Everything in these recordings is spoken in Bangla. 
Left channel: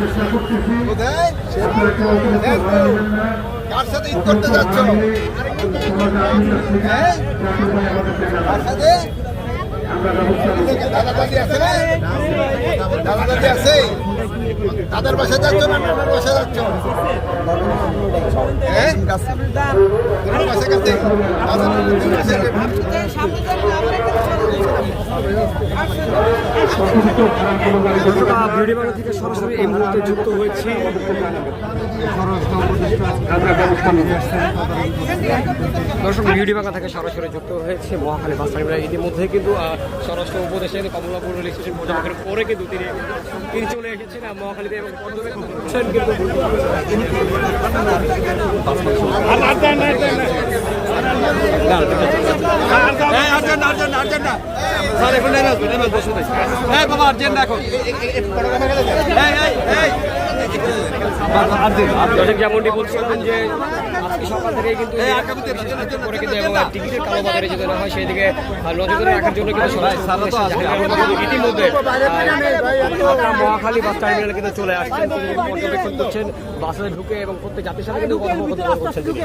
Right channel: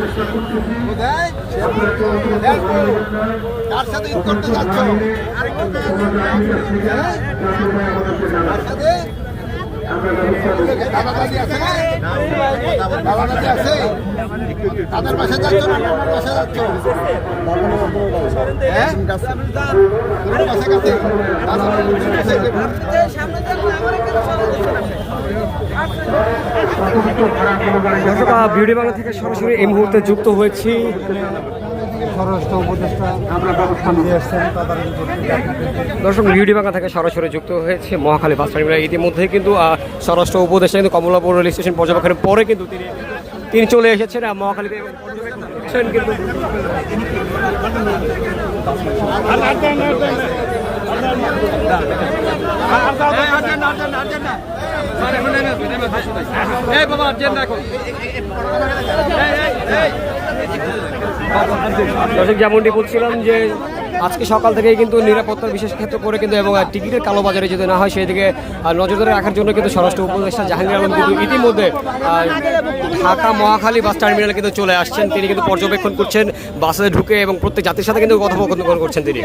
চেষ্টা করতেছি। কার সাথে ঈদ করতে যাচ্ছ? হ্যাঁ কার সাথে। দাদা দাদি আছে না? দাদা দাদি আছে? তাদের বাসায় যাচ্ছ না নানার বাসায় যাচ্ছ? হ্যাঁ? তোমার বাসা কাছে? দাদা বিউটি বাংলা থেকে সরাসরি এই মুহূর্তে যুক্ত হয়েছি দর্শক বিউটি বাংলা থেকে সরাসরি যুক্ত হয়েছে মহাখালী বাস টার্মিনাল ইতিমধ্যে কিন্তু স্বরাষ্ট্র উপদেষ্টা কিন্তু কমলাপুর রেল স্টেশন পর্যবেক্ষণের পরে কিন্তু তিনি তিনি চলে এসেছেন আহ, মহাখালীতে পর্যবেক্ষণ কিন্তু দর্শক যেমনটি বলছিলাম যে আজকে সকাল থেকেই কিন্তু নিরাপত্তা বিশেষ ক্ষেত্র করে কিন্তু এবং টিকিটের কালোবাজারে যেতে না হয় সেদিকে আহ, নজরদারি রাখার জন্য কিন্তু স্বরাষ্ট্র উপদেষ্টা জাহাঙ্গীর আলম কিন্তু ইতিমধ্যে ঢাকা মহাখালী বাস টার্মিনালে কিন্তু চলে আসছেন। তিনি কিন্তু পর্যবেক্ষণ করছেন বাসে ঢুকে এবং প্রত্যেক জাতির সাথে কিন্তু কথোপকথন করছেন তিনি।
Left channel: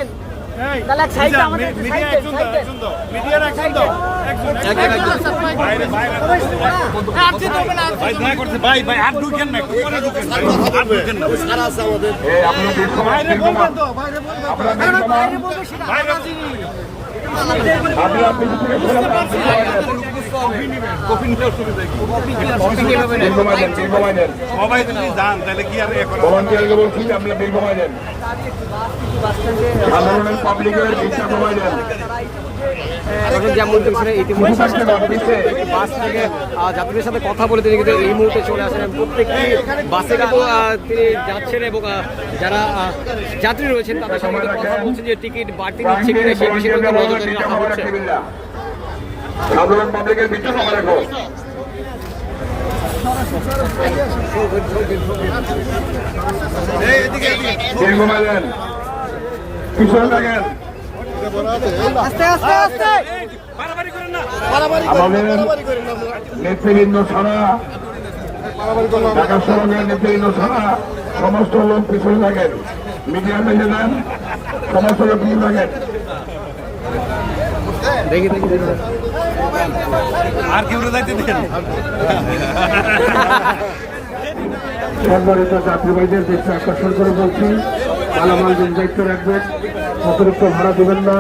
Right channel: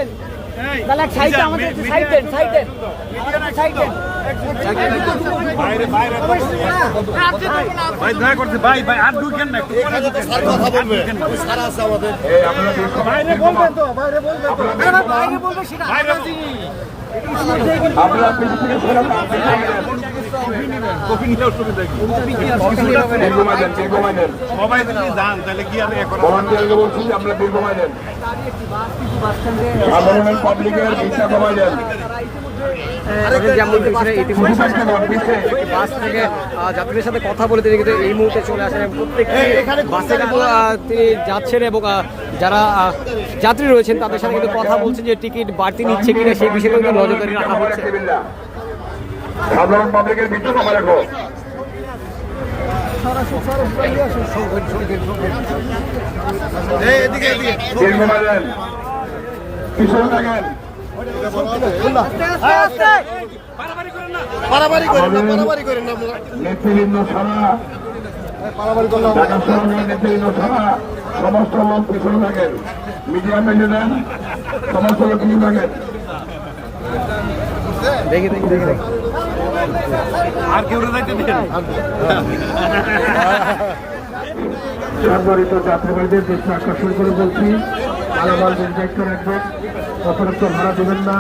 ভাই দয়া করতে ভাই ভাই আর ঢুকেন না একটু পরে ঢুকেন আর ঢুকেন না। এই আপনারা বেশ বাইরে বলবেন তো বাইরে বলবেন তো। বাইরে আপনারা পিছনে যেমন ইতিমধ্যে স্বরাষ্ট্র বাস থেকে যাত্রীদের সাথে কথা বলে তিনি কিন্তু এই মুহূর্তে চলে আসেন প্রত্যেকটি বাসে কিন্তু তিনি যাচ্ছেন এবং যারা যাত্রী রয়েছেন তাদের সম্বন্ধে কথা বলছেন যে টিকিট বাড়তি নিচ্ছে কিনা সেই বিষয়ে কিন্তু নজরদারি রাখা হচ্ছে। সাধারণ পাবলিকের ভিসা কমাই রাখো বিল কমাই পিছনে থাকেন নেতৃবৃন্দ ছাড়া নেতৃবৃন্দ ছাড়া সমস্ত লোক পিছনে থাকেন। মিডিয়া বেঁচে দেন সমস্ত লোক পিছনে থাকেন। দেখি দেখি দেখি। দেখি। আর কেউ যাইতে দেন? সম্মানিত যাত্রীবাহীদের দেশে আকর্ষণ করে বলছি মালামাল দায়িত্ব রাখবেন। অতিরিক্ত ভাড়া দেবেন না।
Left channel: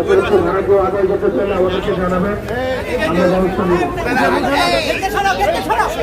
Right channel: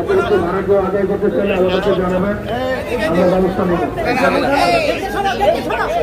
অতিরিক্ত ভাড়া কেউ আদায় করতে চাইলে আমাদেরকে জানাবেন। আমরা ব্যবস্থা নেব।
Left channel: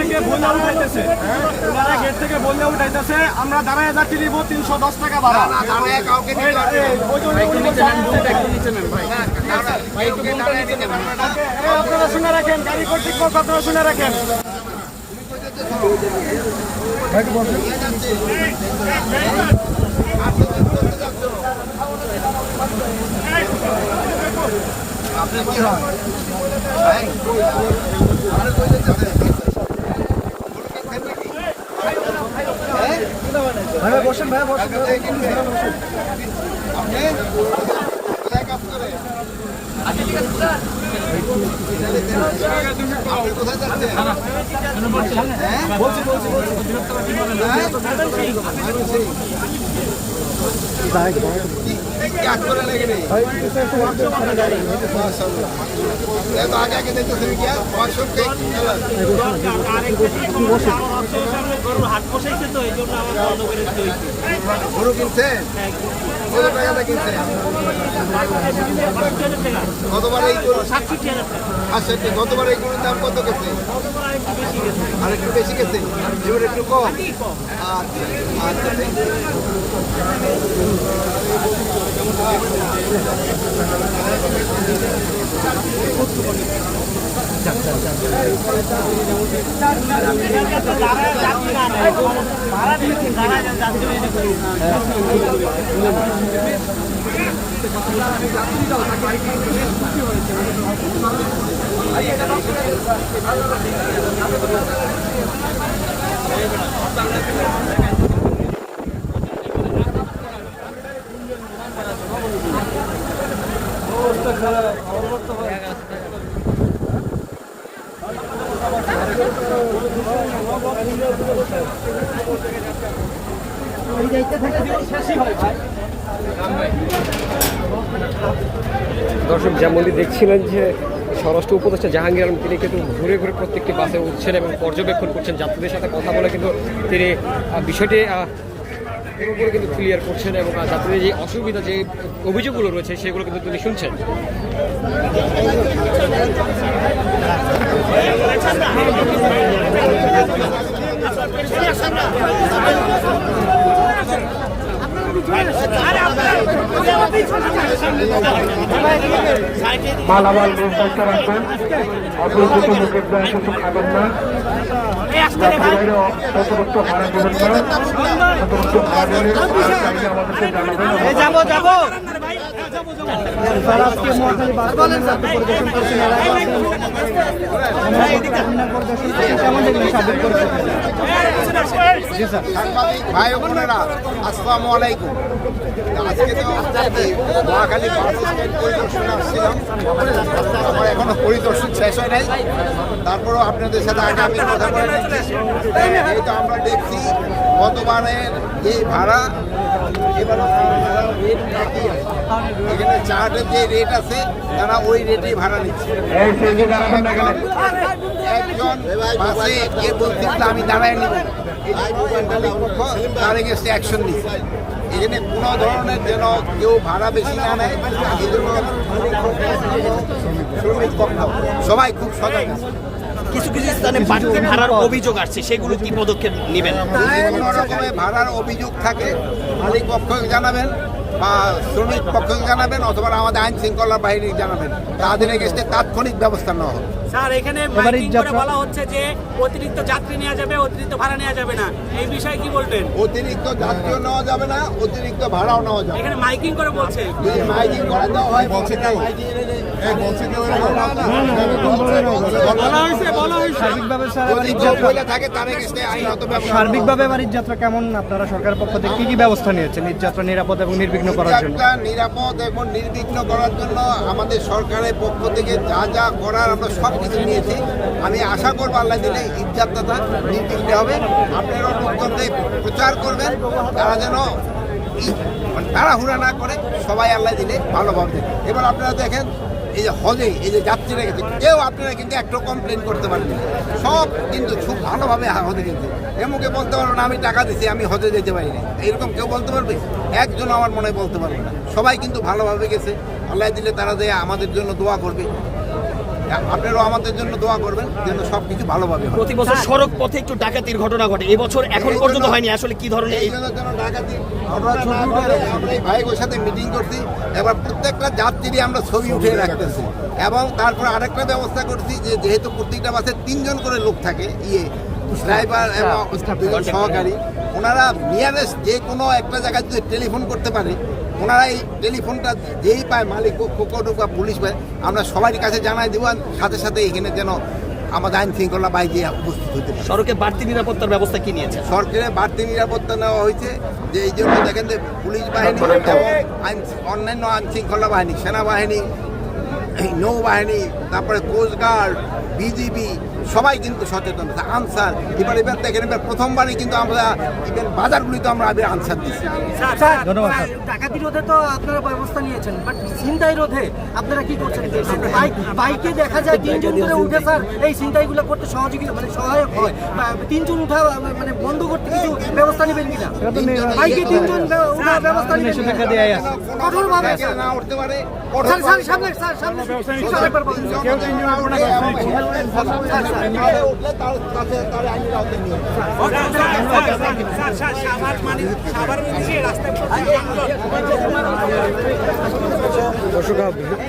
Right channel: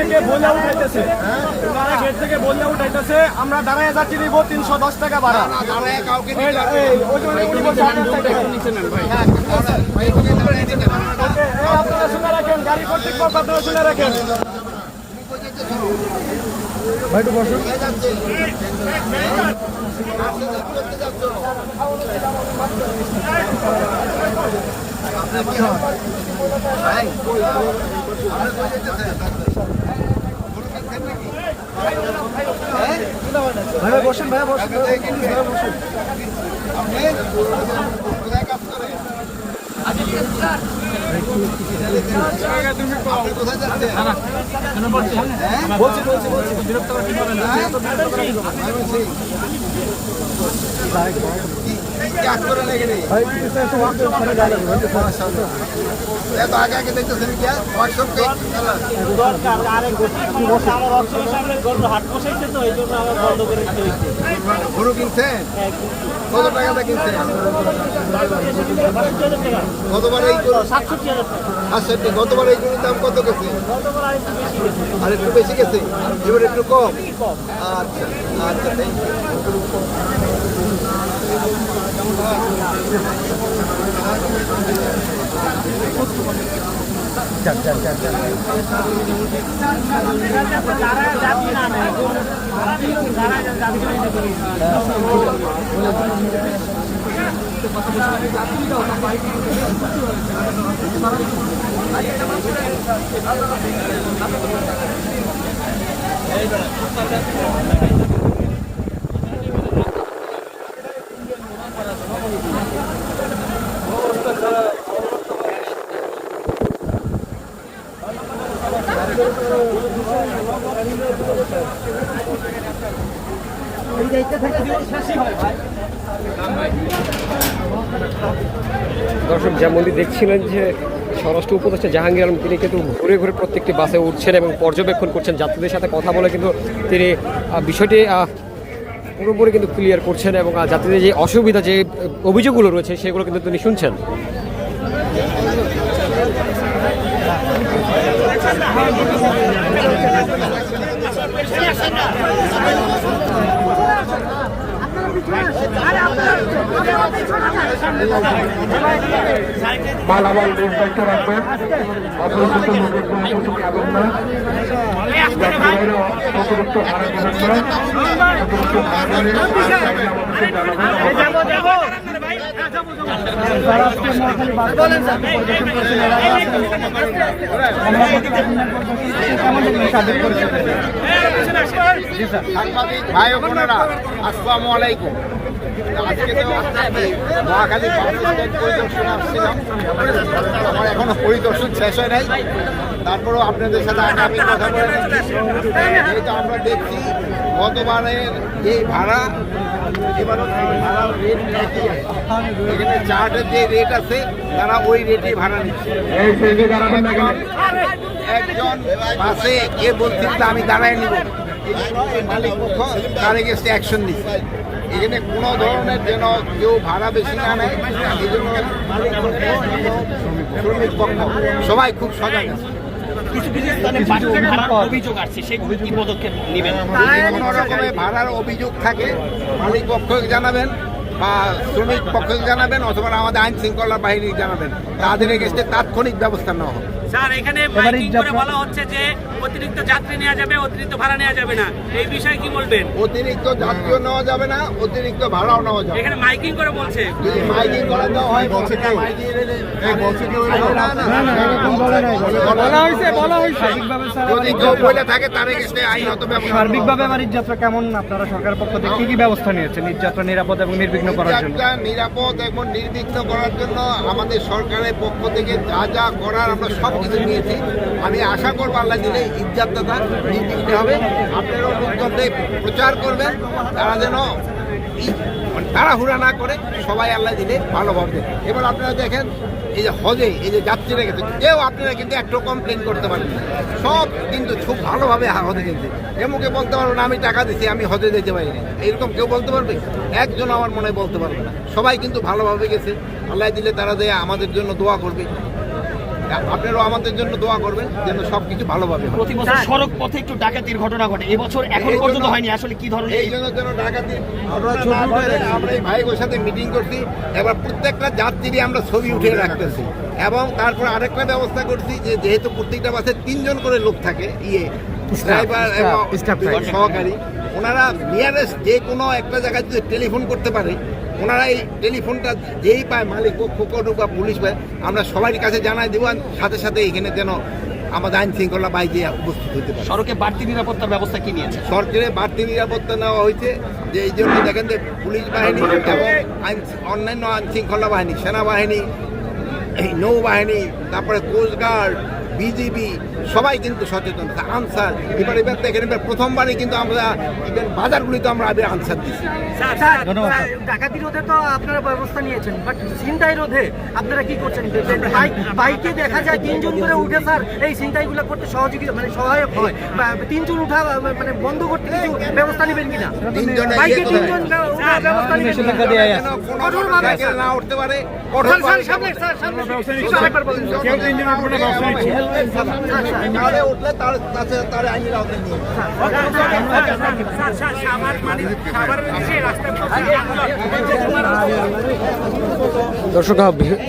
থেকে বলে উঠাইতেছে ওনারা গেট থেকে বলে উঠাইতেছে আমরা দাঁড়ায় যাচ্ছি নিব তিনশো দশ টাকা ভাড়া। আপনারা শুনে রাখেন গাড়ি কর্তৃপক্ষ আপনারা শুনে রাখেন। আপনি কোথায় যাচ্ছেন হ্যাঁ? কি- কি করে লেগে নেই? মাশাআল্লাহ। এ আগে আগে দেখতেছেন কি আর? পঁয়ষট্টি চলো। দরকার আরেকটা কি সমস্যা আমার অর্থের সামনে গরুর হাট বসাইছে তো এই করে গরু কিনছেন কত টাকাটা কিনছেন গতবার এই গরু আচ্ছা ঠিক গতবার এই গরুর দাম কত গেছে? আর একটু বেশি গেছে। এবার একটু কম? আচ্ছা আচ্ছা দর্শক যেমনটি দেখছিলেন যে স্বরাষ্ট্র উপদেষ্টা জাহাঙ্গীর আলম, তিনি কিন্তু ঘুরে ঘুরে প্রত্যেকটি বাসে উঠছেন এবং পর্যবেক্ষণ করছেন। যাত্রীদের সাথে কথা বলে কিন্তু তিনি বিষয়টি পুরোপুরি কিন্তু ক্লিয়ার করছেন এবং যাত্রীদের যে অসুবিধা, যে অভিযোগগুলো রয়েছে, সেগুলো কিন্তু তিনি শুনছেন। মালামাল বেশ দায়িত্ব রাখবেন অতিরিক্ত লোকের দ্বারা কিছু খাবেন না। অতিরিক্ত ভাড়া দেবেন না অতিরিক্ত ভাড়া দিলে আমাদেরকে জানাবেন। তারা আজকে মহাখালী বাস টার্মিনাল পরিদর্শন করেছেন এর আগে আসেন টার্মিনাল পরিদর্শন করছেন। কেমন দেখলেন সার্বিক পরিস্থিতি? সাংবাদিক ভাই ও বোনেরা আসসালামু আলাইকুম। আজকে তো মহাখালী বাস স্ট্যান্ড পরিদর্শনে আমার এখনও পরিদর্শন শেষ হয় নাই। তারপরেও আপনাদের সাথে আগে আমি কথা বলে যেহেতু আমরা দেখছি গতবারের যে ভাড়া, এবারও রেট এখানে চার্টের যে রেট আছে, তারা ওই রেটেই ভাড়া নিচ্ছে। এই একজন বাসে কে বলছিল আমি দাঁড়ায় নিব। এই মালিক পক্ষ তার এগেস্টে অ্যাকশন নিচ্ছে। এখানে কোনো ধরনের যেন কেউ ভাড়া বেশি না নেয় এই জন্য মালিক পক্ষ এবং শ্রমিক পক্ষ সবাই খুব সজাগ আছে। কিছু কিছু স্থানে ভাড়ার অভিযোগ আসছে সেগুলো কি পদক্ষেপ নেবেন? কোনো রকমের ভাড়ার অভিযোগ থাকে মালিক পক্ষকে জানাবেন বা শ্রমিক পক্ষকে জানাবেন অথবা আমাদের আইন শৃঙ্খলা বাহিনী জানাবেন। তাদের এগেস্টে তাৎক্ষণিক ব্যবস্থা নেওয়া হবে। স্যার এখানে মাইকিং করে যাত্রা- বলা হচ্ছে যে অতিরিক্ত যাত্রী নেওয়া যাবে অতিরিক্ত ভাড়া নেওয়া যাবে না এই বিষয়ে কি বলবেন অতিরিক্ত যাত্রীও নেওয়া যাবে না অতিরিক্ত ভাড়াও নেওয়া যাবে এখানে মাইকিং করে বলছে যদি মাইকিং করা দেওয়া হয় বলছে কেউ না, না, না না এরকম বলে নাই বলা হয়েছে বলা হয়েছে যদি কেউ বলে থাকে তার এগেস্টে আইনত ব্যবস্থা সার্বিকভাবে এবার ঈদযাত্রা কেমন আপনারা সরকারের পক্ষ থেকে কি কি ব্যবস্থা নিয়েছেন ঈদযাত্রা নিরাপদ এবং নির্বিঘ্ন করার জন্য নিরাপদ এবং নির্বিঘ্ন করার জন্য আমাদের সরকারের পক্ষ থেকে যা যা করার আমরা সব কিছু নিয়েছি। আমি আশা করব আল্লাহ দিলে ঈদযাত্রাটা নির্বিঘ্নে হবে। আপনারাও লোকজনদের প্রচার করবেন। তারা যেন মানে তাড়াহুড়া না করে সবাই আল্লাহ দিলে ভালোভাবে। এবার আপনারা দেখেন, এই যে হজে, এই যে যাত্রীরা গেছে কেউ আপনারা কিন্তু একটু কমপ্লেন করতে পারেন। সব কিন্তু খুব ভালোভাবে হজে গেছে। এমুকে বলতে পারব না, আমি টাকা দিচ্ছি আমি হজে যেতে পারি না এইরকম কেউ বলতে পারবে? একজন আমার মনে বলতে পারবে না। সবাই কিন্তু ভালোভাবে গেছে। আল্লাহ দিলে তারা যে আমাদের জন্য দোয়া করবে। আপনারাও আমাদের জন্য দোয়া করবেন যেন সব কিছু ভালোভাবে হয়। প্রতি বছর সড়ক পথে একটু ডাকাতির ঘটনা ঘটে। এবছর এখন পর্যন্ত হয়নি। আসলে কি ধরনের এই জন্য যেন ডাকাতি ঘটনা না ঘটে, আমরা এই ভাইগোর সাথে মিটিং করছি। এবার প্রত্যেকটা যাত্রী আমরা ছবি উঠে রাখতেছি। এবং তারপর আরেকটা ব্যবস্থা করছি যে যেহেতু প্রত্যেকটা বাসে তিনজন করে লোক থাকে ইয়ে ড্রাইভার এবং সহকারী ওনারা নিয়ারেস্ট যে কোনো একটা জায়গায় যদি টেলিফোন করতে পারে ওনারা এই টেলিফোনটা যেই পায় মালিক পক্ষ বা পুলিশ পায় আমরা সবার কাছে জানাই দেবো আর সাথে সাথে এখানে যেন আমাদের আইন শৃঙ্খলা বাই দিয়ে উপস্থিত হতে পারে। সড়কে বাড়তি নিরাপত্তার ব্যবস্থা কি নিয়েছে? সরকারের বাড়তি নিরাপত্তা নেওয়া হয়েছে যে এই জন্য দেখেন যে পুলিশ বাহিনী এবং আইন অন্যান্য আইন শৃঙ্খলা বাহিনী সেনাবাহিনী এই নৌবাহিনী তারপরে কোস্টগার্ড বিজিবি সবাই কিন্তু সচেতন। আনসার এবার এবার দেখেন এবার প্রথমবারই কিন্তু আমরা ইভেন বাজারগুলিতে আমরা এবার আনসার দিচ্ছি। ধন্যবাদ ডাকাতি রোধে তো আপনারা ব্যবস্থা নিয়েছেন বাট ছিনতাই রোধে আপনারা কি করছেন? বাইক বাইকে দেখা যায় তিনজন করে উঠে স্যার এই ছিনতাইগুলো করতে সহযোগিতা মানে সহায়ক হয়। তিনজন উঠা মানে বন্ধ করতে কিছু ব্যবস্থা নেবেন কিনা? তিনজনে বাইকে তিনজন ব্যবস্থা নেবেন না উঠতে পারে? কঠোর সামনে, স্যার, সামনে। একটু আরেকবার বলুন। কেউ তিনজন উঠবে দর্শক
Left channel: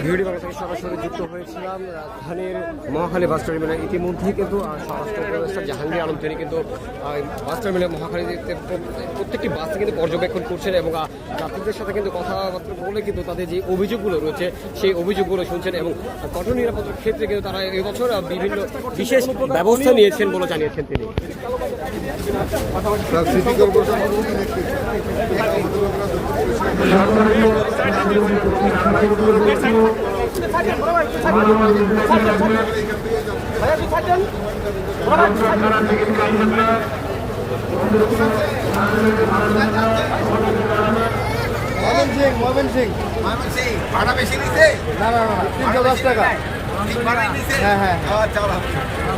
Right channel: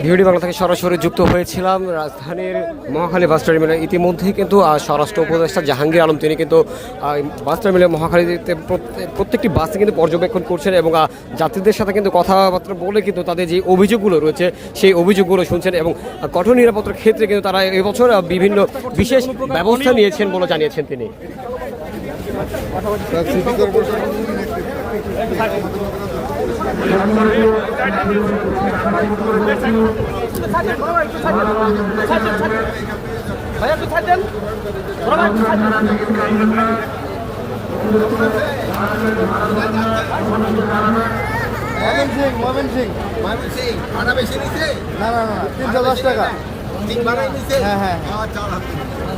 ভিডিও বাংলা থেকে সরাসরি যুক্ত হয়েছিলাম রাজধানীর মহাখালী বাস টার্মিনাল। ইতিমধ্যেই কিন্তু স্বরাষ্ট্র উপদেষ্টা জাহাঙ্গীর আলম, তিনি কিন্তু বাস টার্মিনাল মহাখালীতে প্রত্যেকটি বাসে কিন্তু পর্যবেক্ষণ করছেন এবং যাত্রীদের সাথে কিন্তু কথাবার্তা বলে কিন্তু তাদের যে অভিযোগগুলো রয়েছে, সেই অভিযোগগুলো শুনছেন এবং কঠোর নিরাপত্তার ক্ষেত্রে কিন্তু তারা এবছর বিভিন্ন বিশেষ ব্যবস্থা নিয়েছেন বলে জানিয়েছেন তিনি। মোহামেন সিং মোহামেন সিং। সিং ভাড়া বেশি নিছে? না না না তিনশো দশ টাকা। নিছে হ্যাঁ, হ্যাঁ।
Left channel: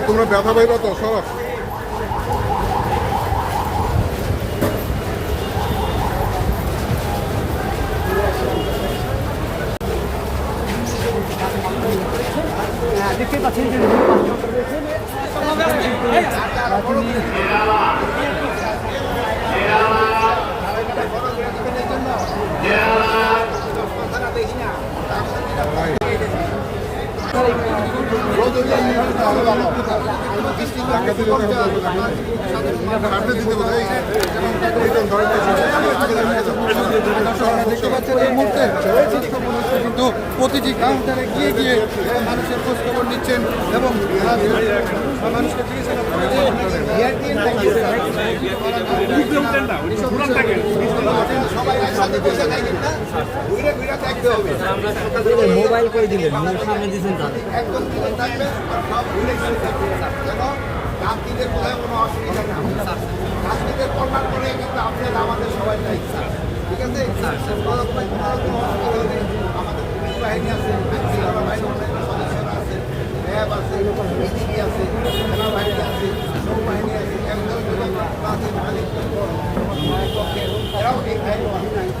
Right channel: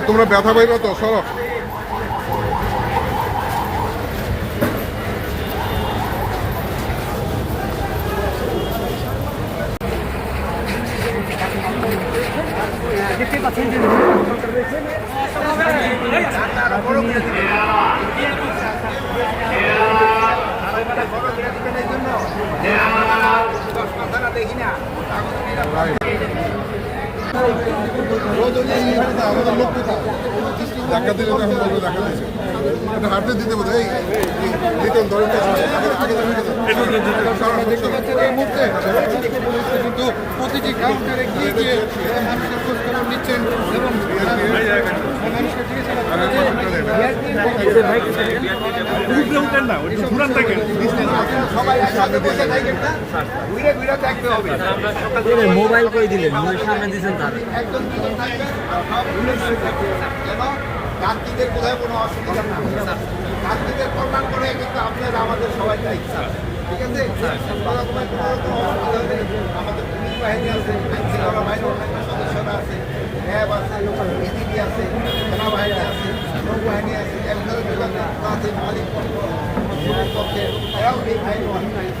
আরে তোমরা ব্যথা পাইবা তো সরব দেখি না কিন্তু প্রতিটি কাউন্টারে গিয়ে গিয়ে মানুষের খোঁজখবর নিচ্ছেন এবং মানুষকে জিজ্ঞাসা সবাই একসাথে বসে থাকেন না? ঘুরে ঘুরে দেখতে হবে। মোবাইল করে দিলেন? সামনে দিচ্ছেন তার। একজন দুজন আর সব ঘুরে ঘুরে দেখবেন যেন যাত্রীদের কোথায় কোনো অসুবিধা না যাত্রীদের কল্যাণ করে কিন্তু আপনার আমাদের সবাই দায়িত্ব ঠিক আছে? কোনো আমাদের বাহিনী আছে সদস্যরা আছে র্যাব আছে সেনাবাহিনী আছে নৌবাহিনী আছে এমন যোগাযোগ আছে মালিক পক্ষে এরাও এই আইন আছে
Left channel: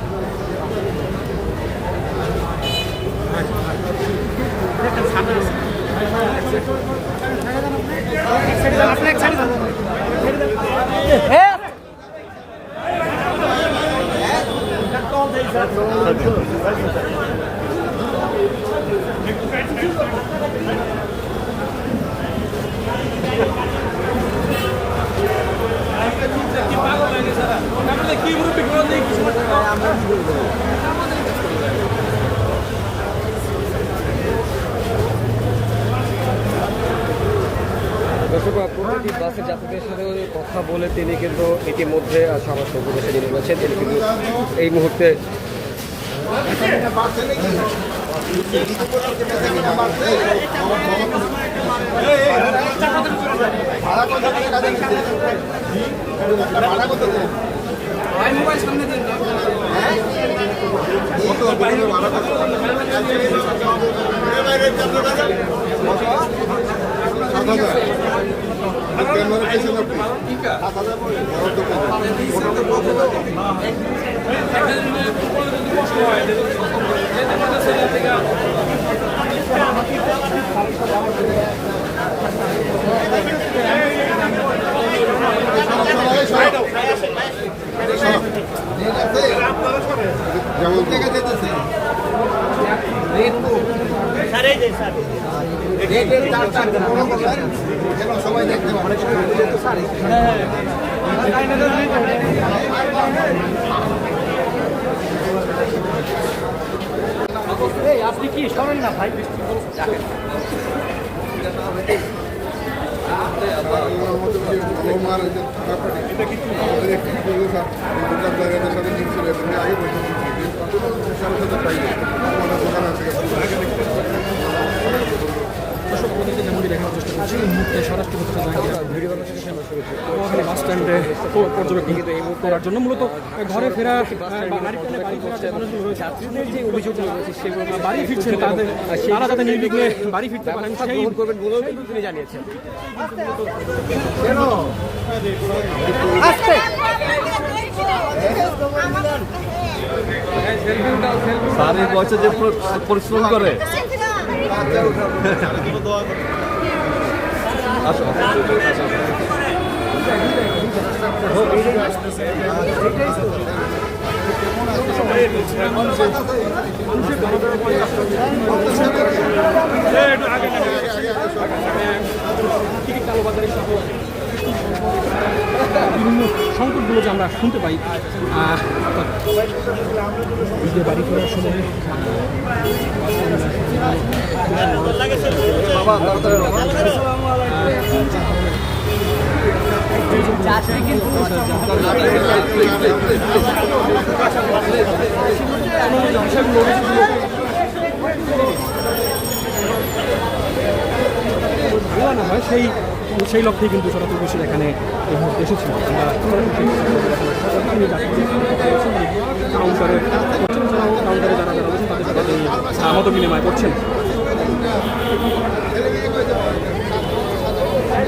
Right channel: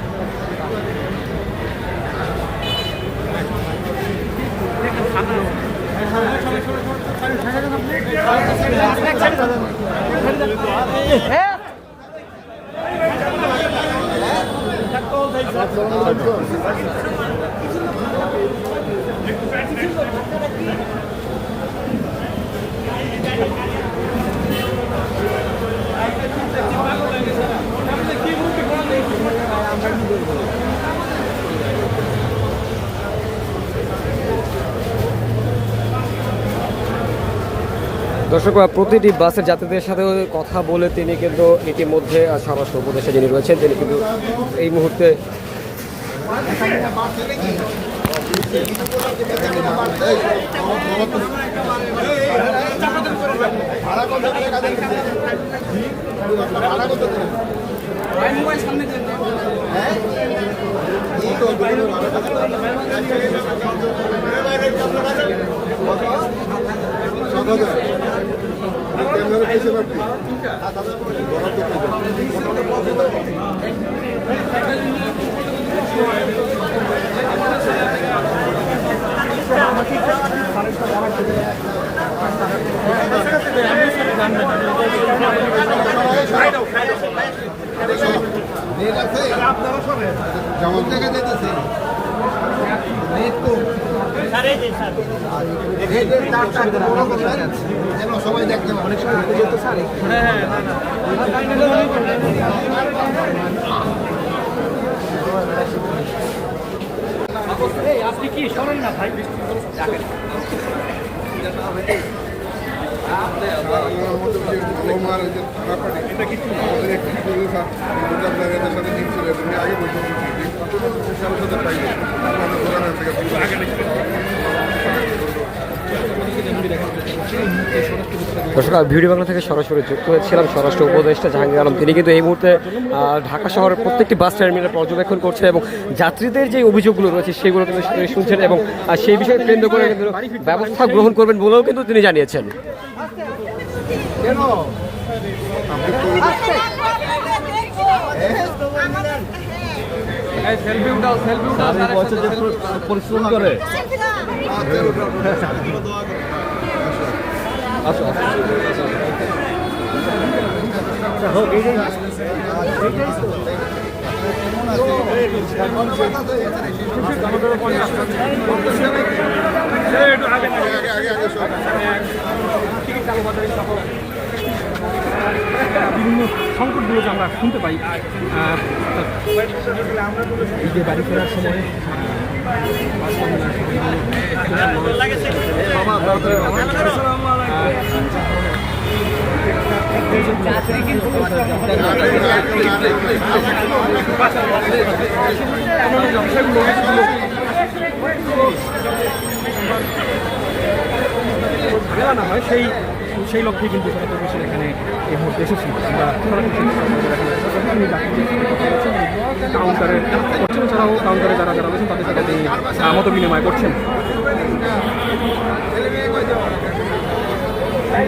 দর্শক, প্রতিটি বাসের যাত্রীদের সাথে কথা বলে তিনি কিন্তু ইতিমধ্যে স্বরাষ্ট্র উপদেষ্টা যিনি রয়েছেন। তিনি কিন্তু এই মুহূর্তে ভাড়া কত করে কাজে নিচ্ছে ভাড়া কত দেন হ্যাঁ? কত বাইরে ভাড়া কত? কত? সাত হাজার আর ক্যামেরা পেয়েছেন আপনি সাত হাজার করে। বরাদ্দ করবেন গেটের একটু বড় করবেন যেন সবাই দেখতে পারে আপনি কি শোনেন না ভাই দর্শক ভিডিও বাংলা থেকে সরাসরি যুক্ত হয়েছিলাম স্বরাষ্ট্র উপদেষ্টা জাহাঙ্গীর আলম। তিনি কিন্তু এই মুহূর্তে ঢাকা শহরের প্রত্যেকটি বাস টার্মিনাল পর্যবেক্ষণ করছে এবং যাত্রীদের যে অভিযোগগুলো রয়েছে সেগুলো কিন্তু শুনছেন এবং সেই বিষয়ে কেন্দ্র করে ব্যবস্থা গ্রহণ করবেন বলেও কিন্তু তিনি জানিয়েছেন। এই বয়সে যে পরিশ্রম করে। আচ্ছা বিভিন্ন সংকটগুলো যে আমরা শুনতে পাই আহ, অর্থাৎ ঈদে বাড়ি করার সময় না হয় সেই সেই লক্ষ্যে কিন্তু সারা প্রবেশের এখানে এই মুহূর্তে এসেছিল আমরা কাউন্টারে করছেন এছাড়াও কাউন্টারে যারা যারা রয়েছেন তাদের সাথে মত বিনিময় করছেন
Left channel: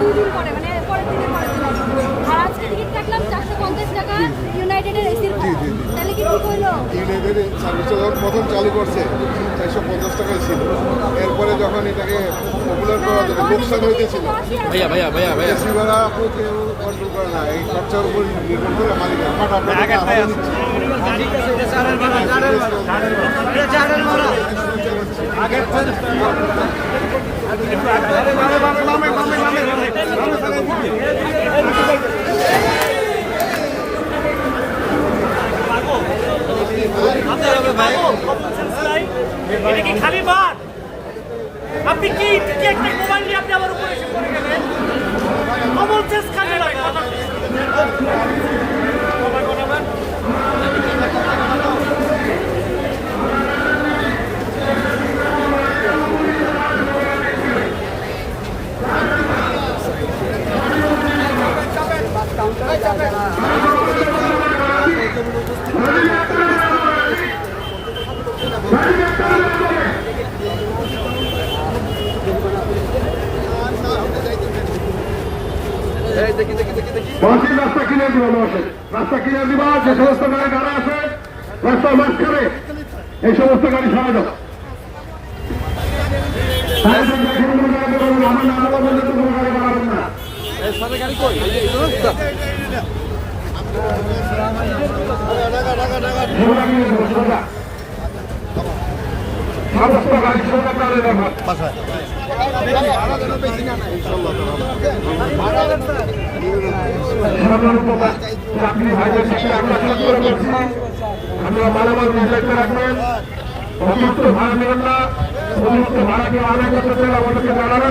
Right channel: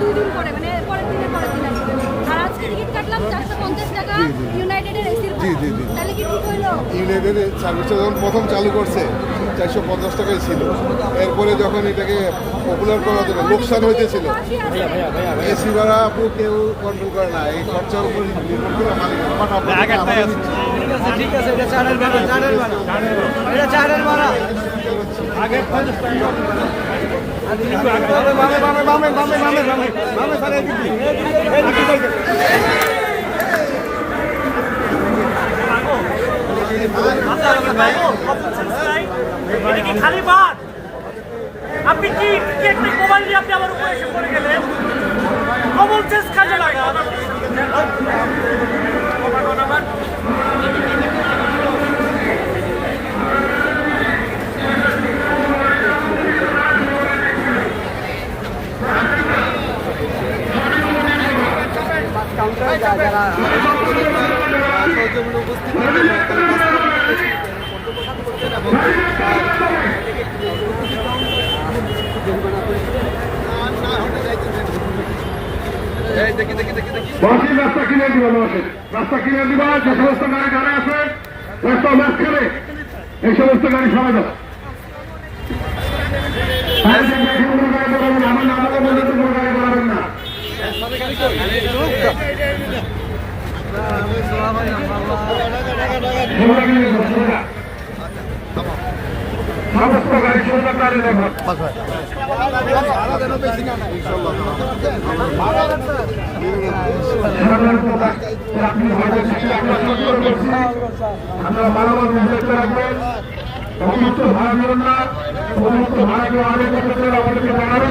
দুই দিন পরে মানে পরের দিনের পরের দিন আর আজকে টিকিট কাটলাম চারশো পঞ্চাশ টাকা ইউনাইটেডের এসির ভাড়া। তাহলে কি ঠিক হইল? ইউনাইটেড সার্ভিস যখন প্রথম চালু করছে চারশো পঞ্চাশ টাকায় ছিল। এরপরে যখন এটাকে পপুলার করা যাবে লোকসান হইতেছিল। ভাইয়া ভাইয়া ভাইয়া এসি ভাড়া আপু কেউ কন্ট্রোল করে না এই খরচার উপর নির্ভর করে মালিক ফাটাফাটি আমাদের নিচ্ছে। খালি আপনি কি কি একটা মোবাইল নিয়ে আপনি আমার উপরে এসে পড়ে গেলেন? কমন সেন্স কাজে লাগান। বসির রাস্তা কিনে দিব রাস্তা কিনে দিবা যে সমস্ত গাড়ি দাঁড়ায় আছে রাস্তার মাঝখানে এই সমস্ত গাড়ি সরাই দাও আমার নাম বলা পর্যন্ত কোনো গাড়ি দাঁড়াবেন না আমরা মানব নির্দেশ রাখবেন অতিরিক্ত ভাড়া দেবেন না অতিরিক্ত ভাড়া কেউ আরও করতে চাই আমাদেরকে জানাবেন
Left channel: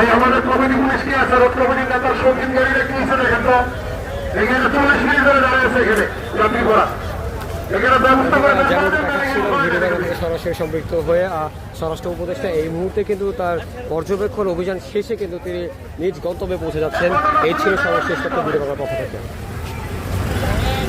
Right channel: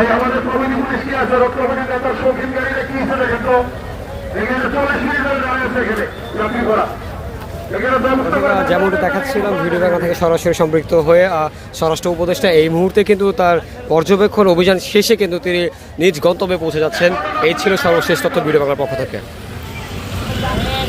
এই আমাদের কমিটি পুলিশ কি আছে? কি দেখেন তো? যেমনটা দেখাচ্ছিলাম, ভিডিও সরাসরি সম্পৃক্ত হয়ে স্বরাষ্ট্র উপদেষ্টা এই মুহূর্তে কিন্তু তার পর্যবেক্ষণ অভিযান শেষে কিন্তু তিনি নিজ গন্তব্যে পৌঁছে যাচ্ছেন। এই ছিল সর্বশেষ তথ্য ভিডিও বাংলার পক্ষ থেকে।